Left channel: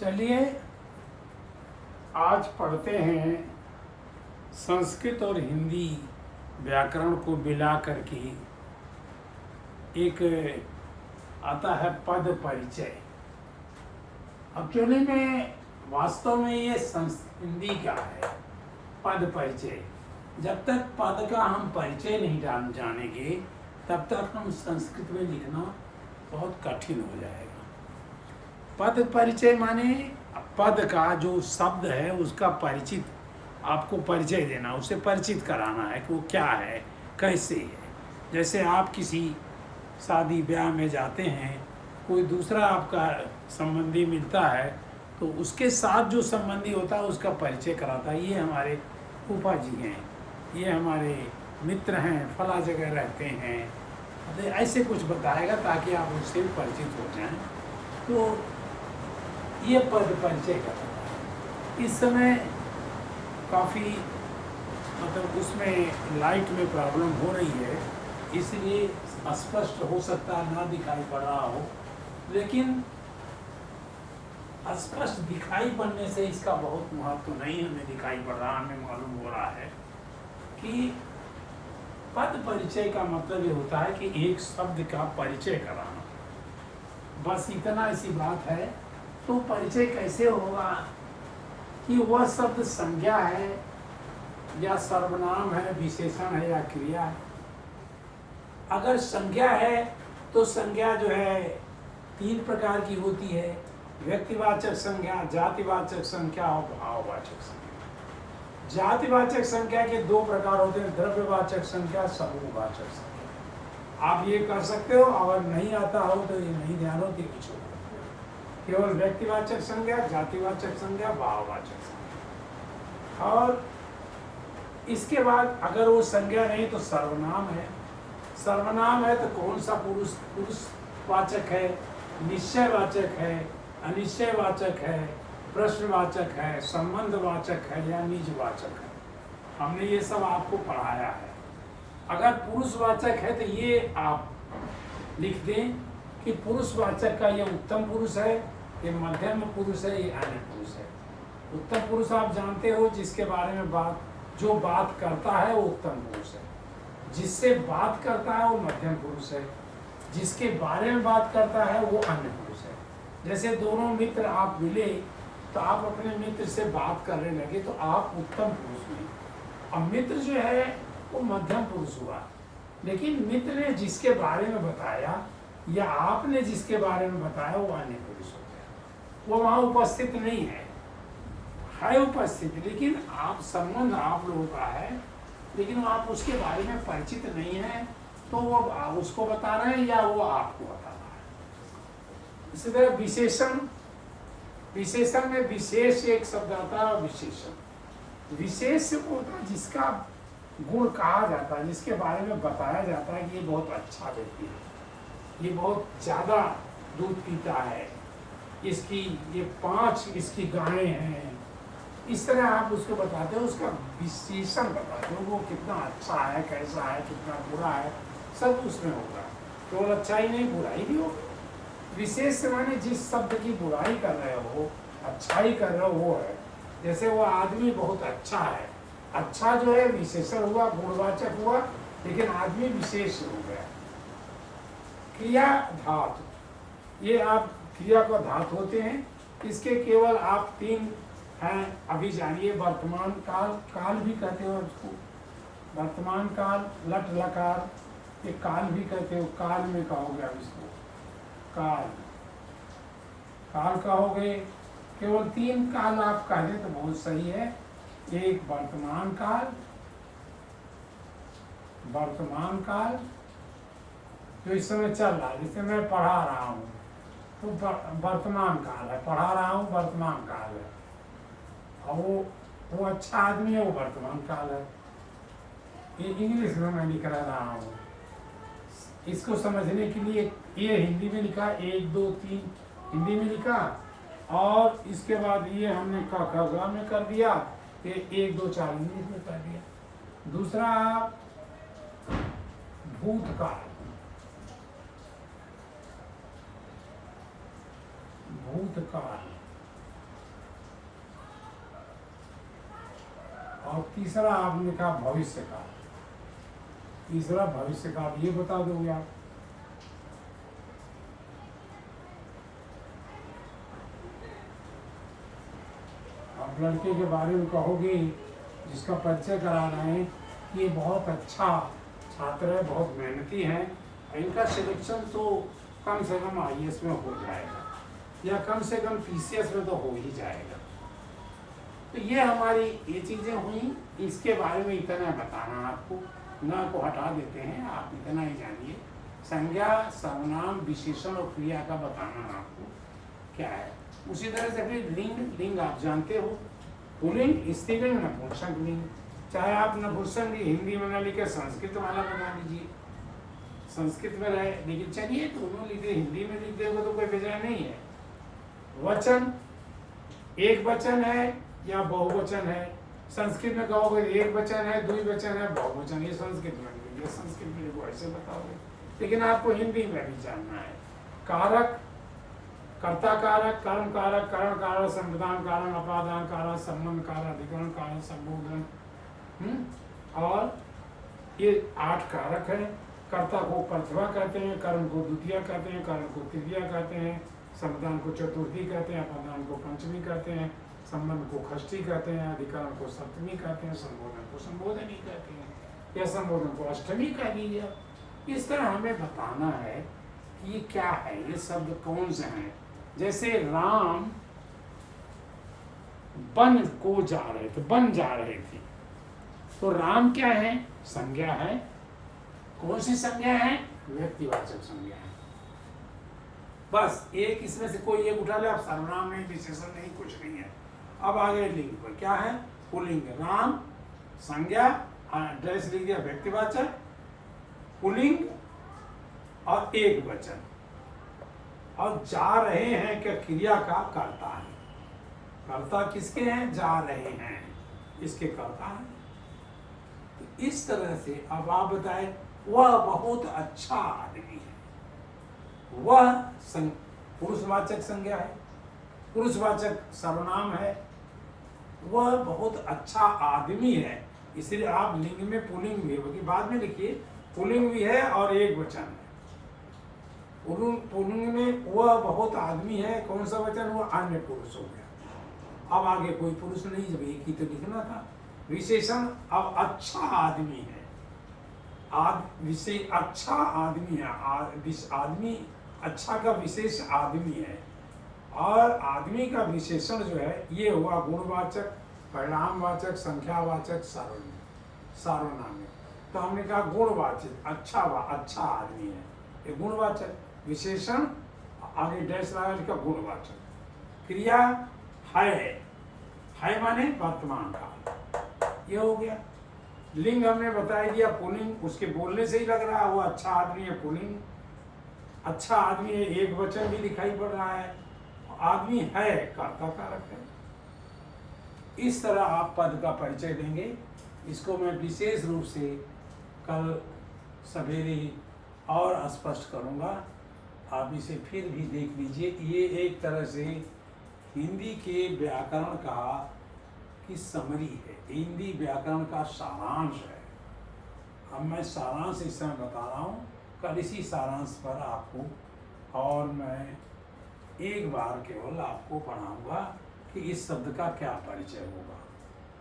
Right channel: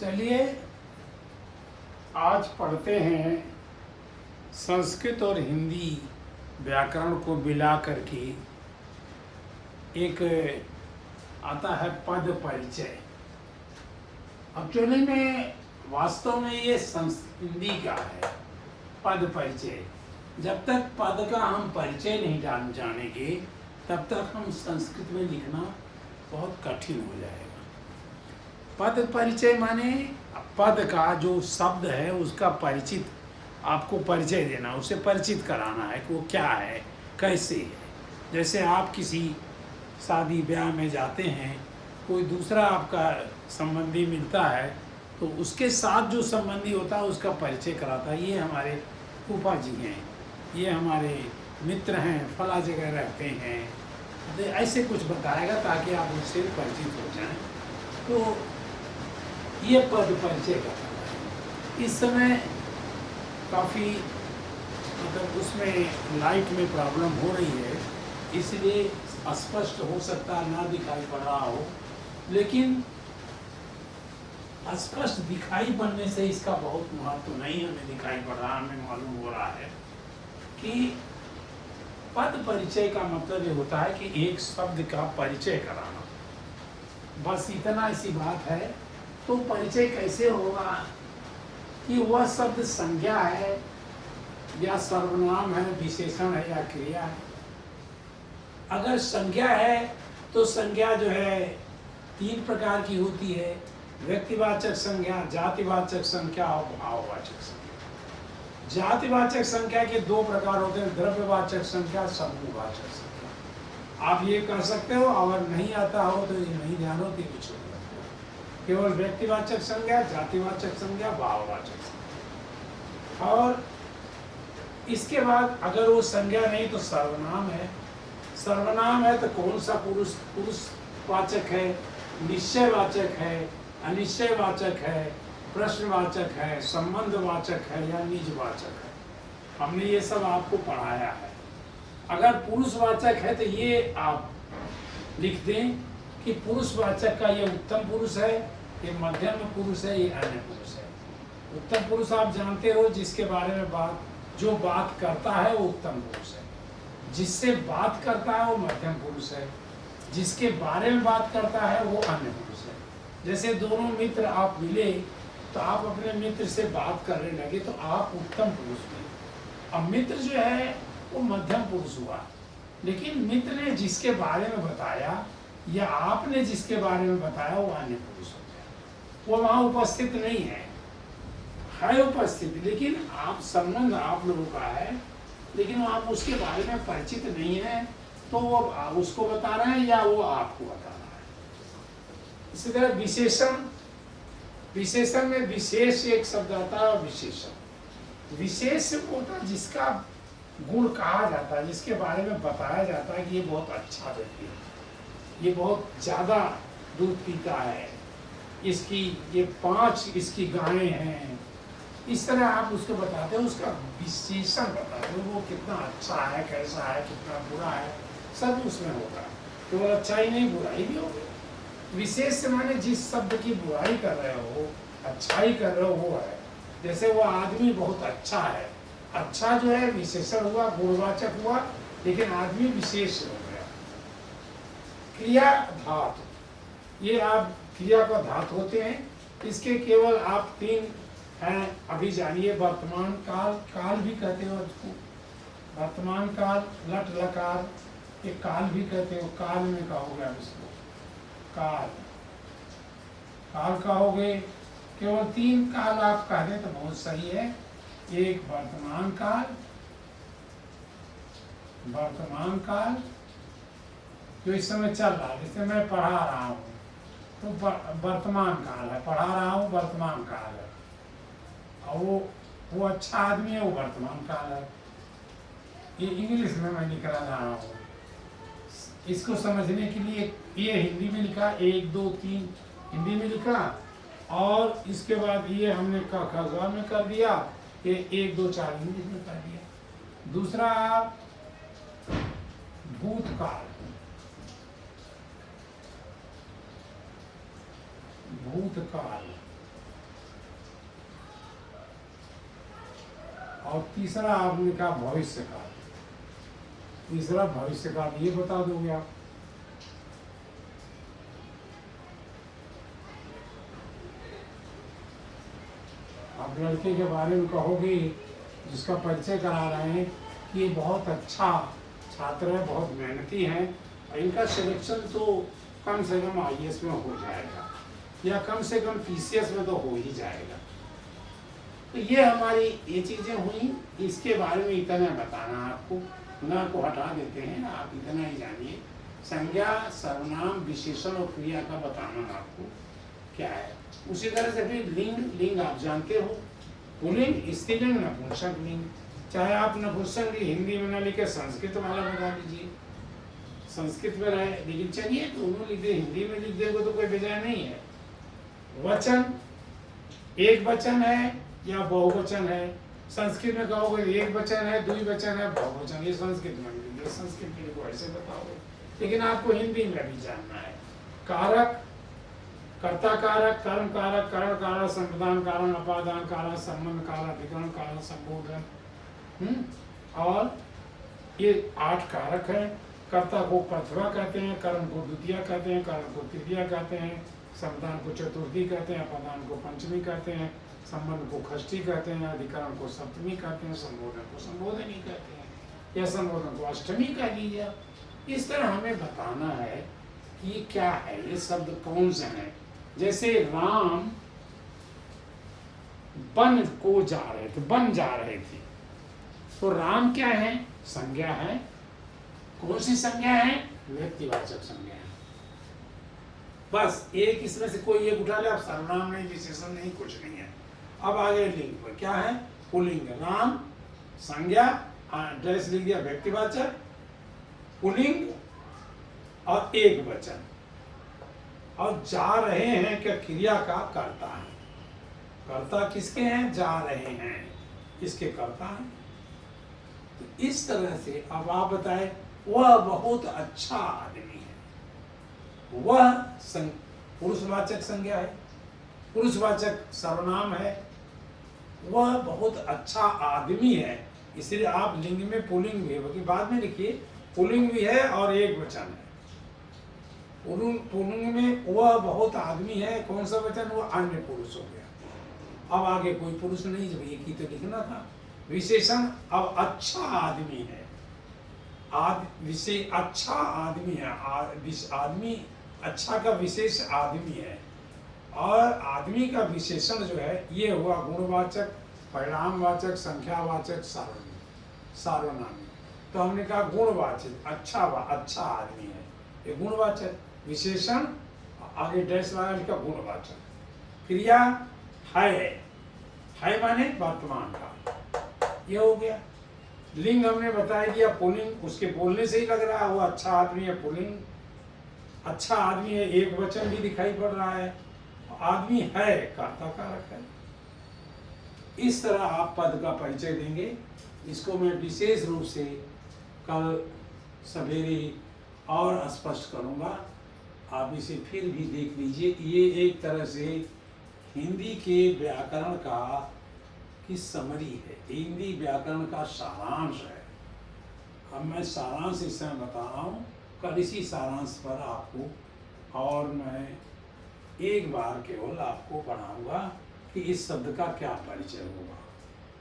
चलिए आज पढ़ते हैं संस्कृत और हिंदी व्याकरण को मिला करके एक आता है पद परिचय। एक्चुअली में वास्तव में ये हिंदी का है पद परिचय। जब तक पद का हम परिचय नहीं जानेंगे तब तक हम संस्कृत में लिखना बहुत कठिन हो जाएगा। पद परिचय माने पद का जो शब्द है उसका परिचित, आपको परिचय देना, उसे परिचित कराना है कि वो क्या है, कैसे है। जैसे आप किसी शादी ब्याह में जाते हैं, कोई दूसरा आपका संबंधी मिलता है तो उसके साथ जो संबंधी होता है उसका परिचय कराता है। ये हमारे फूफा जी हैं, ये हमारे मित्र हैं, फला जगह रहते हैं, तो ऐसे कुछ बताएगा ताकि आप उससे परिचित हो जाएं। तो ये पद परिचय कराता है। इस समय काफ़ी उसमें लाइट में प्रॉब्लम हो रही है, इसलिए अस्पष्ट हो सकता ना दिखाई पड़ रहा हो, लेकिन अस्पष्ट दिखाई पड़ने से इसका बहुत महत्व नहीं हमें दिखाई पड़ रहा। हमें मालूम हो रहा है कि पद परिचय का मतलब ये होता है कि एक शब्द का परिचय कराना, बस इतना ऐसी बात है। तो परिचय कैसे होगा कि वह शब्द संज्ञा है या सर्वनाम है, विशेषण है या क्रिया है। अगर संज्ञा है तो संज्ञा जो है तीन प्रकार की होती है: व्यक्तिवाचक संज्ञा, जातिवाचक संज्ञा और भाववाचक संज्ञा। जातिवाचक संज्ञा के दो प्रकार होते हैं: द्रव्यवाचक संज्ञा, समूहवाचक संज्ञा। आप ये कर सकते हो, अगर नहीं आता हो तो ये नहीं ध्यान हो तो कुछ हो, केवल व्यक्तिवाचक संज्ञा, जातिवाचक संज्ञा, भाववाचक संज्ञा। और इसके बाद अगर वो संज्ञा नहीं तो सर्वनाम है। सर्वनाम है तो कौन सा पुरुषवाचक है, निश्चयवाचक है, अनिश्चयवाचक है, प्रश्नवाचक है, संबंधवाचक है या निजवाचक है। हमने ये सब आपको पढ़ाया है। अगर पुरुषवाचक है तो ये आप लिख दें कि पुरुषवाचक का ये उत्तम पुरुष है, ये मध्यम पुरुष है, ये अन्य पुरुष है। उत्तम पुरुष आप जानते हो, जिसके बारे में जो बात करता है वो उत्तम पुरुष है, जिससे बात करता है वो मध्यम पुरुष है, जिसके बारे में बात करता है वो अन्य पुरुष है। जैसे दोनों मित्र आप मिले तो आप अपने मित्र से बात करने लगे तो आप उत्तम पुरुष हुए। अब मित्र जो है वो मध्यम पुरुष हुआ, लेकिन मित्र ने जिसके बारे में बताया या आपने जिसके बारे में बताया वो अन्य पुरुष हो गया। वो वहाँ उपस्थित नहीं है उपस्थित, लेकिन आप संबंध आप लोगों का है, लेकिन आप उसके बारे में परिचित नहीं है, तो वो उसको बता रहे हैं या वो आपको बता रहा है। इसी तरह विशेषण, विशेषण में विशेष एक शब्द आता है। विशेषण विशेष होता है जिसका गुण कहा जाता है, जिसके बारे में बताया जाता है कि ये बहुत अच्छा व्यक्ति है, ये बहुत ज़्यादा दूध पीता है, इसकी ये 5 इसकी गायें हैं। इस तरह आप उसको बताते हो, उसका विशेषण बताते हो, वो कितना अच्छा है, कैसा है, कितना बुरा है, सब उसमें होगा। केवल अच्छा ही नहीं, बुराई भी होगी। विशेष माने जिस शब्द की बुराई कर रहे हो अच्छाई कर रहे हो वो है। जैसे वो आदमी बहुत अच्छा है, अच्छा जो है विशेषण हुआ, गुणवाचक हुआ, लेकिन आदमी विशेष हो गया। क्रिया धातु, ये आप क्रिया का धातु होते हैं। इसके केवल आप 3 हैं, अभी जानिए। वर्तमान काल, काल भी कहते हो इसको, वर्तमान काल, लट लकार, ये काल भी कहते हो। काल में कहोगे आप इसको, काल, काल कहोगे। केवल 3 काल आप कह दें तो बहुत सही है। एक वर्तमान काल, वर्तमान काल जो इस समय चल रहा है, जैसे मैं पढ़ा रहा हूँ तो वर्तमान काल है, पढ़ा रहा हूँ वर्तमान काल है। और वो अच्छा आदमी है, वो वर्तमान काल है। ये इंग्लिश में मैं लिख रहा हूँ, इसको समझने के लिए ये हिंदी में लिखा 1 2 3 हिंदी में लिखा, और इसके बाद ये हमने क में कर दिया, ये 1 2 4 इंग्लिश में कर दिया। दूसरा भूतकाल, भूतकाल और तीसरा आपने कहा भविष्य काल। तीसरा भविष्य काल, ये बता दोगे आप? आप लड़के के बारे में कहोगे जिसका परिचय करा रहे हैं कि ये बहुत अच्छा छात्र है, बहुत मेहनती है, इनका सिलेक्शन तो कम से कम IAS में हो जाएगा या कम से कम PCS में तो हो ही जाएगा। तो ये हमारी ये चीज़ें हुई, इसके बारे में इतना बताना आपको, ना को हटा देते हैं, आप इतना ही जानिए। संज्ञा, सर्वनाम, विशेषण और क्रिया का बताना आपको क्या है। उसी तरह से फिर लिंग, लिंग आप जानते हो, पुल्लिंग, स्त्रीलिंग, नपुंसक लिंग। चाहे आप नपुंसक हिंदी में ना लिखे संस्कृत वाला बता दीजिए, संस्कृत में रहे, लेकिन चलिए दोनों लिखे, हिंदी में लिख देंगे तो कोई बेजाय नहीं है। वचन, एक वचन है या बहुवचन है। संस्कृत में कहोगे एक वचन है, द्विवचन है, बहुवचन, ये संस्कृत में लिखे, संस्कृत में लिखो ऐसे बताओगे, लेकिन आपको हिंदी में भी जानना है। कारक, कर्ता कारक, कर्म कारक, करण कारक, संप्रदान कारण, अपादान कारण, संबंध कारण, अधिकरण कारण, संबोधन। और ये 8 कारक है। कर्ता को प्रथमा कहते हैं, कर्म को द्वितीया कहते हैं, करण को तृतीया कहते हैं, संप्रदान को चतुर्थी कहते हैं, अपादान को पंचमी कहते हैं, संबंध को षष्ठी कहते हैं, अधिकरण को सप्तमी कहते हैं, संबोधन को संबोधन ही कहते हैं, या संबोधन को अष्टमी कह लीजिए। इस तरह हमें बताना है कि ये क्या है, ये शब्द कौन से हैं। जैसे राम बन को जा रहे थे, बन जा रहे थे, तो राम क्या है? संज्ञा है। कौन सी संज्ञा है? व्यक्तिवाचक संज्ञा है। बस एक इसमें से कोई एक उठा ले आप, सर्वनाम नहीं, विशेषण नहीं, कुछ नहीं है। अब आगे लिंग पर क्या है? पुल्लिंग, राम, संज्ञा, ड्रेस लिख दिया, व्यक्तिवाचक, पुल्लिंग और एक वचन। और जा रहे हैं क्या? क्रिया का कर्ता है। कर्ता किसके हैं? जा रहे हैं, इसके कर्ता हैं। तो इस तरह से अब आप बताएं, वह बहुत अच्छा आदमी है। वह पुरुषवाचक संज्ञा है, पुरुषवाचक सर्वनाम है। वह बहुत अच्छा आदमी है, इसलिए आप लिंग में पुल्लिंग भी है, बाद में लिखिए, पुल्लिंग भी है और एक वचन है। पुल्लिंग में वह बहुत आदमी है, कौन सा वचन? वह अन्य पुरुष हो गया। अब आगे कोई पुरुष नहीं, जब एक ही तो लिखना था। विशेषण, अब अच्छा आदमी है, अच्छा आदमी है, आदमी अच्छा का विशेष आदमी है। और आदमी का विशेषण जो है ये हुआ गुणवाचक, परिणामवाचक, संख्यावाचक, सार्वनामिक। तो हमने कहा गुणवाचक, अच्छा आदमी है, ये गुणवाचक। विशेषण आगे डैश लगा लिखा, गुणवाचक। क्रिया है माने वर्तमान काल, ये हो गया। लिंग हमने बता दिया, पुल्लिंग, उसके बोलने से ही लग रहा है वो अच्छा आदमी है, पुल्लिंग। अच्छा आदमी है, एक वचन भी दिखाई पड़ रहा है। आदमी है, कर्ता कारक है। इस तरह आप पद का परिचय देंगे। इसको मैं विशेष रूप से कल सवेरे और स्पष्ट करूंगा, आप इसे फिर भी देख लीजिए। ये एक तरह से हिंदी के व्याकरण का की समरी है, हिंदी व्याकरण का सारांश है। अब मैं सारांश इस समय बता रहा हूँ, कल इसी सारांश पर आपको और मैं एक बार केवल आपको पढ़ाऊंगा कि इस शब्द का क्या परिचय होगा।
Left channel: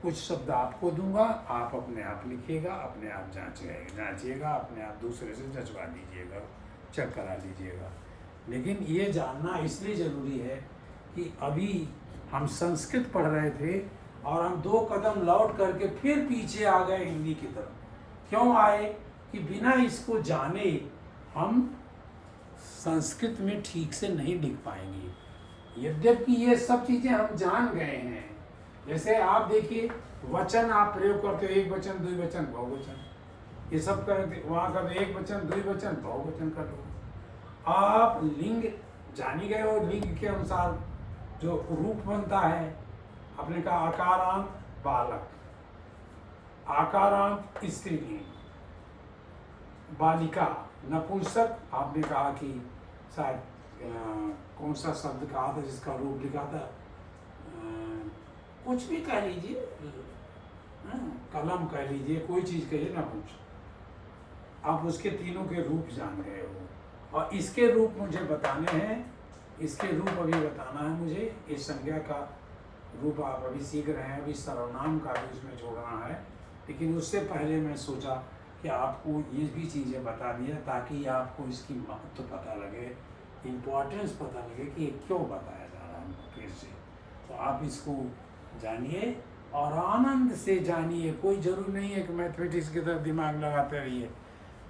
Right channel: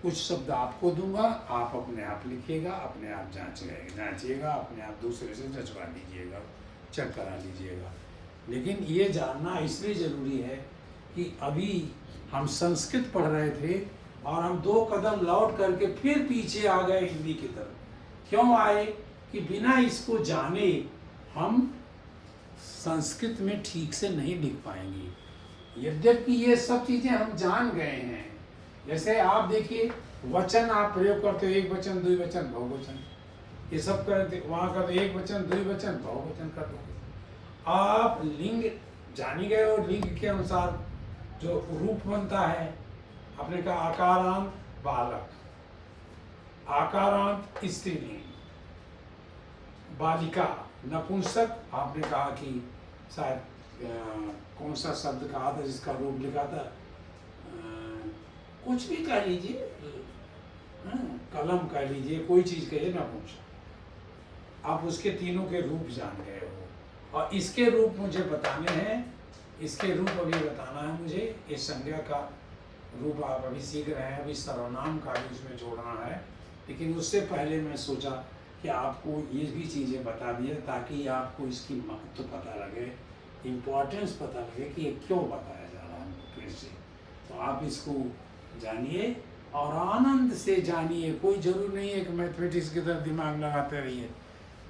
कुछ शब्द आपको दूंगा, आप अपने आप लिखिएगा, अपने आप जांचिएगा, अपने आप दूसरे से जचवा लीजिएगा, चेक करा लीजिएगा। लेकिन ये जानना इसलिए ज़रूरी है कि अभी हम संस्कृत पढ़ रहे थे और हम 2 कदम लौट करके फिर पीछे आ गए हिंदी की तरफ। क्यों आए? कि बिना इसको जाने हम संस्कृत में ठीक से नहीं लिख पाएंगे। यद्यपि ये सब चीज़ें हम जान गए हैं। जैसे आप देखिए, वचन आप प्रयोग करते हो, एक वचन, द्विवचन, बहुवचन, ये सब करते, वहाँ का एक वचन, द्विवचन, बहुवचन कर दो। आप लिंग जान ही गए हो, लिंग के अनुसार जो रूप बनता है, आपने कहा आकारांत बालक, आकारांत स्त्रीलिंग, बालिका नपुंसक। आपने कहा कि शायद कौन सा शब्द कहा था जिसका रूप लिखा था, कुछ भी कह लीजिए, कलम कह लीजिए, कोई चीज़ कहिए ना पूछ, आप उसके तीनों के रूप जान गए हो। और इसके रूप मुझे बताने हैं, इसके रूप अभी बताना है मुझे। इस संज्ञा का रूप आप अभी सीख रहे हैं, अभी सर्वनाम का भी उसमें जोड़ना है। लेकिन उससे पहले मैं सोचा कि आपको ये भी चीज़ें बता दिए ताकि आपको इसकी महत्व पता लगे, इम्पोर्टेंस पता लगे कि ये क्यों बताया जा रहा है हमको फिर से। तो आप इसको जानिए और आनंद से जानिए। कोई ज़रूरी नहीं है कि मैथमेटिक्स की तरफ दिमाग लगाते रहिए,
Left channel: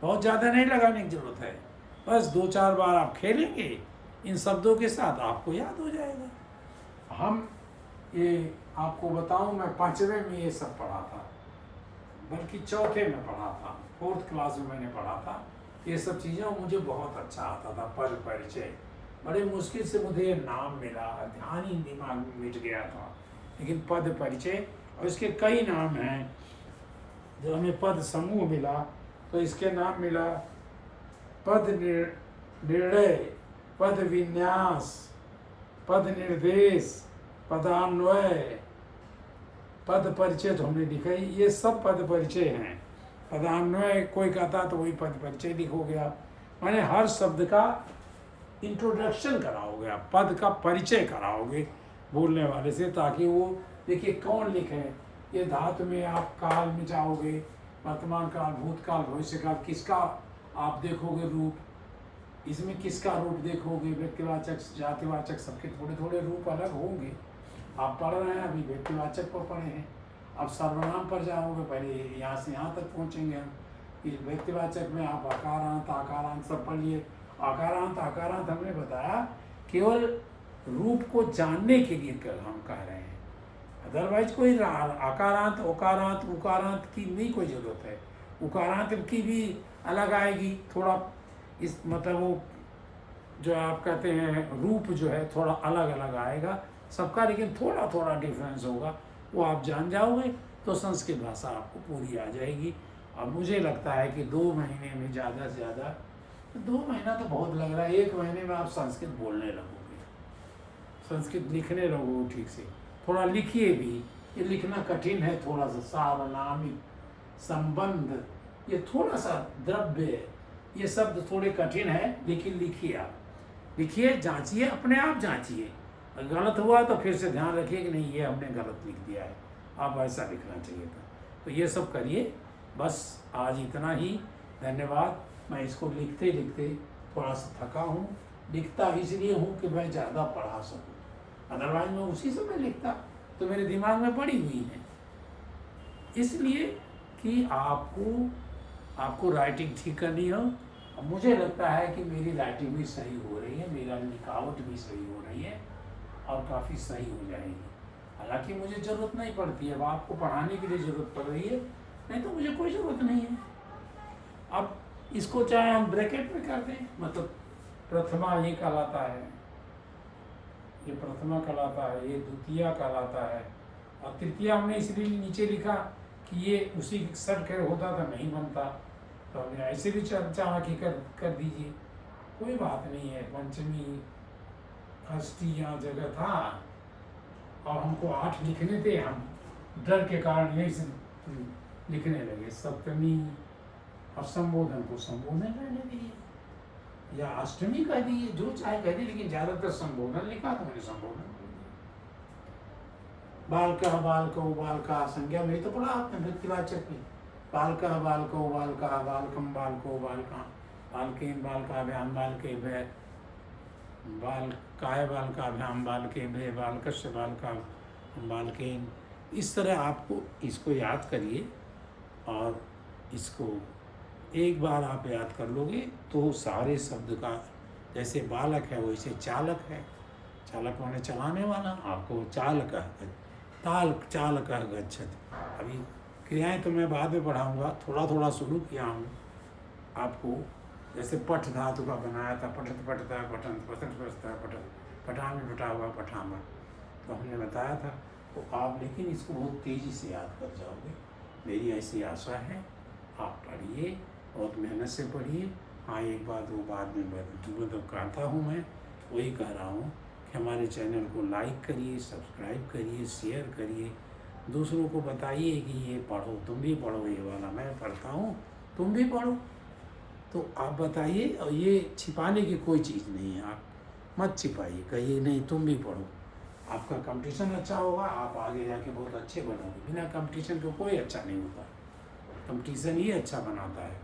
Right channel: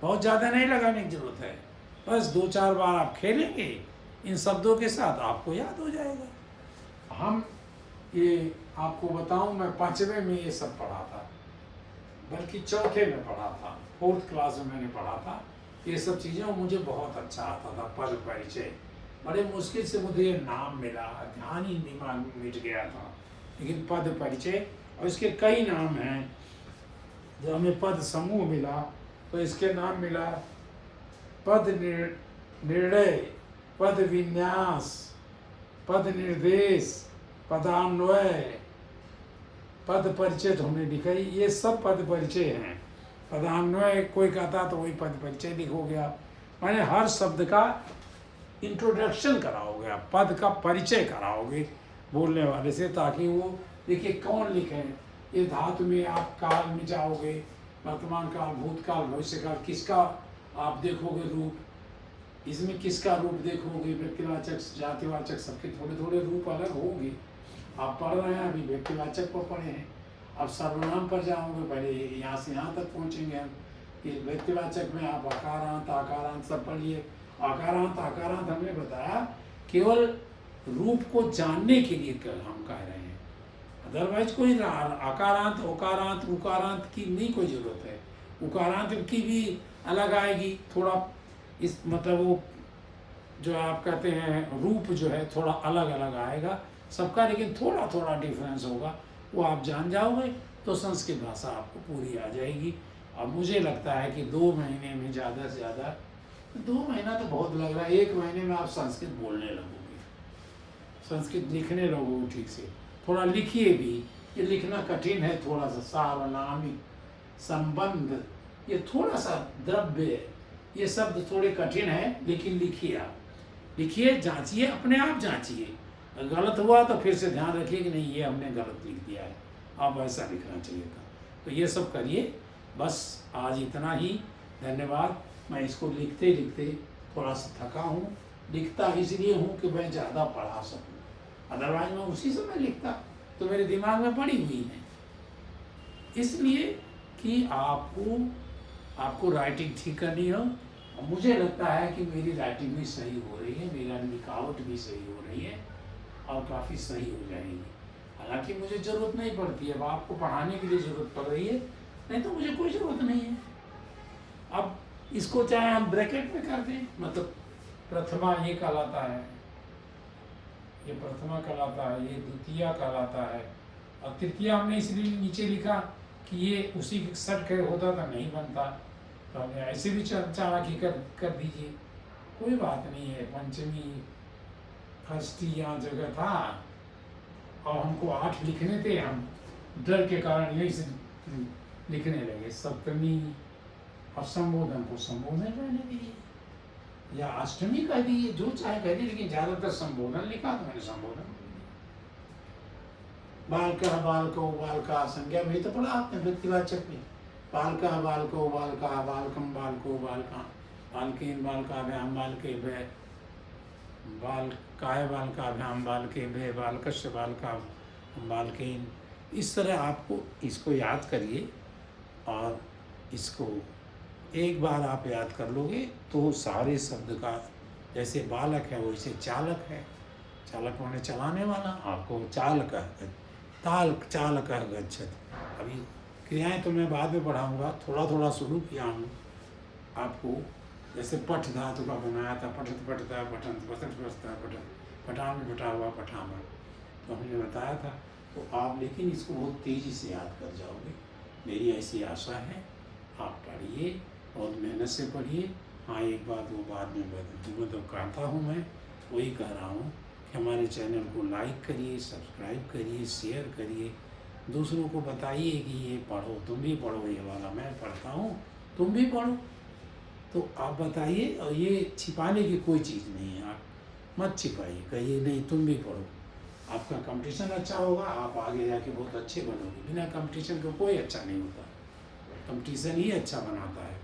बहुत ज़्यादा नहीं लगाने की ज़रूरत है। बस 2-4 बार आप खेलेंगे इन शब्दों के साथ, आपको याद हो जाएगा। हम ये आपको बताऊं, मैं 5वें में ये सब पढ़ा था, बल्कि चौथे में पढ़ा था, 4th क्लास में मैंने पढ़ा था ये सब चीज़ें, और मुझे बहुत अच्छा आता था। पद परिचय बड़े मुश्किल से मुझे नाम मिला, ध्यान ही दिमाग में मिट गया था। लेकिन पद परिचय, और इसके कई नाम हैं। जब हमें पद समूह मिला तो इसके नाम मिला पद निर्णय, पद विन्यास, पद निर्देश, पदान्वय, पद परिचय तो हमने लिखा ही, ये सब पद परिचय हैं। पदान्वय कोई कहता तो वही पद परिचय लिखोगे आप, माने हर शब्द का इंट्रोडक्शन कराओगे आप, पद का परिचय कराओगे बोलने वाले से, ताकि वो देखिए कौन लिखे। ये धातु में आप काल में जाओगे, वर्तमान काल, भूतकाल, भविष्य काल, किसका आप देखोगे रूप, इसमें किसका रूप देखोगे, व्यक्तिवाचक, जातिवाचक, सबके थोड़े थोड़े रूप अलग होंगे। आप पढ़ रहे हैं अभी व्यक्तिवाचक पर पढ़े हैं, अब सर्वनाम पर जाओगे, पहले यहाँ से यहाँ तक पहुँचेंगे हम कि व्यक्तिवाचक में आप आकारांत, आकारांत सब पढ़िए। आकारांत, आकारांत हमने बताया केवल रूप को जानने के लिए हम कह रहे हैं, अदरवाइज कोई आकारांत, ओकारांत, उकारांत की नहीं कोई ज़रूरत है। उकारांत की भी अलग आएगी थोड़ा, इस मतलब वो जो आप कहते हैं रूप जो है थोड़ा अलग अलग आएगा सबका, लेकिन थोड़ा थोड़ा डिफरेंस होगा, वो आप जान जाओगे तो संस्कृत भाषा आपको पूरी आ जाएगी। अब मुझे लगता है कि 2 महीने में ज़्यादा से ज़्यादा, 2 महीना तो बहुत लग रहा है, 1 महीने में आप संस्कृत बोलने लगोगे, संस्कृत लिखने लगोगे ठीक से। थोड़ा लिखिए भी, ये लिखना कठिन है थोड़ा सा, सार्वनामिक, संबंध, ये थोड़ा सा द्रव्य, ये शब्द थोड़े कठिन है, लेकिन लिखिए आप, लिखिए, जांचिए, अपने आप जांचिए। गलत हुआ तो फिर से ध्यान रखिए कि नहीं ये हमने गलत लिख दिया है, अब ऐसा लिखना चाहिए था। तो ये सब करिए। बस आज इतना ही, धन्यवाद। मैं इसको लिखते लिखते थोड़ा सा थका हूँ, लिखता इसलिए हूँ कि मैं ज़्यादा पढ़ा सकूँ, अदरवाइज मैं उसी समय लिखता तो मेरे दिमाग में पड़ी हुई है। इसलिए कि आपको राइटिंग ठीक करनी हो, और मुझे लगता है कि मेरी राइटिंग भी सही हो रही है, मेरा लिखावट भी सही हो रही है और काफ़ी सही हो जाएगी। हालांकि मुझे ज़रूरत नहीं पड़ती, अब आपको पढ़ाने के लिए ज़रूरत पड़ रही है, नहीं तो मुझे कोई ज़रूरत नहीं है। अब इसको चाहे हम ब्रैकेट में कर दें, मतलब प्रथमा ये कहलाता है, ये प्रथमा कहलाता है, ये द्वितीया कहलाता है, और तृतीया हमने इसलिए नीचे लिखा कि ये उसी सट के होता था, नहीं बनता, तो हमने ऐसे भी चाणक्य कर दीजिए, कोई बात नहीं है। पंचमी षष्ठी यहाँ जगह था और हमको 8 लिखने थे, हम डर के कारण यही से लिखने लगे। सप्तमी और संबोधन को संबोधन रहने दिए, या अष्टमी कह दिए, जो चाहे कह दिए, लेकिन ज़्यादातर संबोधन लिखा तो मैंने संबोधन। बालका बालको बालका संज्ञा में तो पढ़ा आपने व्यक्तिवाचक में, बालका बालको बालका, बालकम बालको बालका, बालकेन बालकाभ्याम बालके भय, बालकाय बालकाभ्याम बालके भय, बालकस्य बालका बालकेन। इस तरह आपको इसको याद करिए, और इसको एक बार आप याद कर लोगे तो सारे शब्द का, जैसे बालक है वैसे चालक है, चालक माने चलाने वाला, आपको चालक चालक गच्छति। अभी क्रियाएं तो मैं बाद में पढ़ाऊँगा, थोड़ा थोड़ा शुरू किया हूँ आपको। जैसे पठ धातु का बनाया था, पठत पठता, पठंत पठत पठता, पठान में बटा हुआ पठामा, तो हमने बताया था। तो आप लेकिन इसको बहुत तेज़ी से याद कर जाओगे, मेरी ऐसी आशा है। आप पढ़िए, बहुत मेहनत से पढ़िए। हाँ, एक बात वो बाद में तो कहता हूँ, मैं वही कह रहा हूँ कि हमारे चैनल को लाइक करिए, सब्सक्राइब करिए, शेयर करिए, दूसरों को बताइए कि ये पढ़ो, तुम भी पढ़ो, ये वाला मैं पढ़ता हूँ, तुम भी पढ़ो। तो आप बताइए, और ये छिपाने की कोई चीज़ नहीं है, आप मत छिपाइए, कहिए नहीं तुम भी पढ़ो। आपका कंपटीशन अच्छा होगा, आप आगे जाके बहुत अच्छे बनोगे। बिना कंपटीशन के कोई अच्छा नहीं होता, कंपटीशन ही अच्छा बनाता है।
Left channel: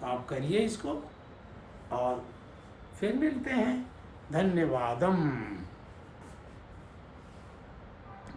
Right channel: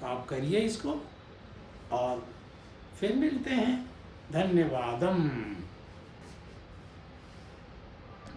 तो आप करिए इसको, और फिर मिलते हैं। धन्यवादम।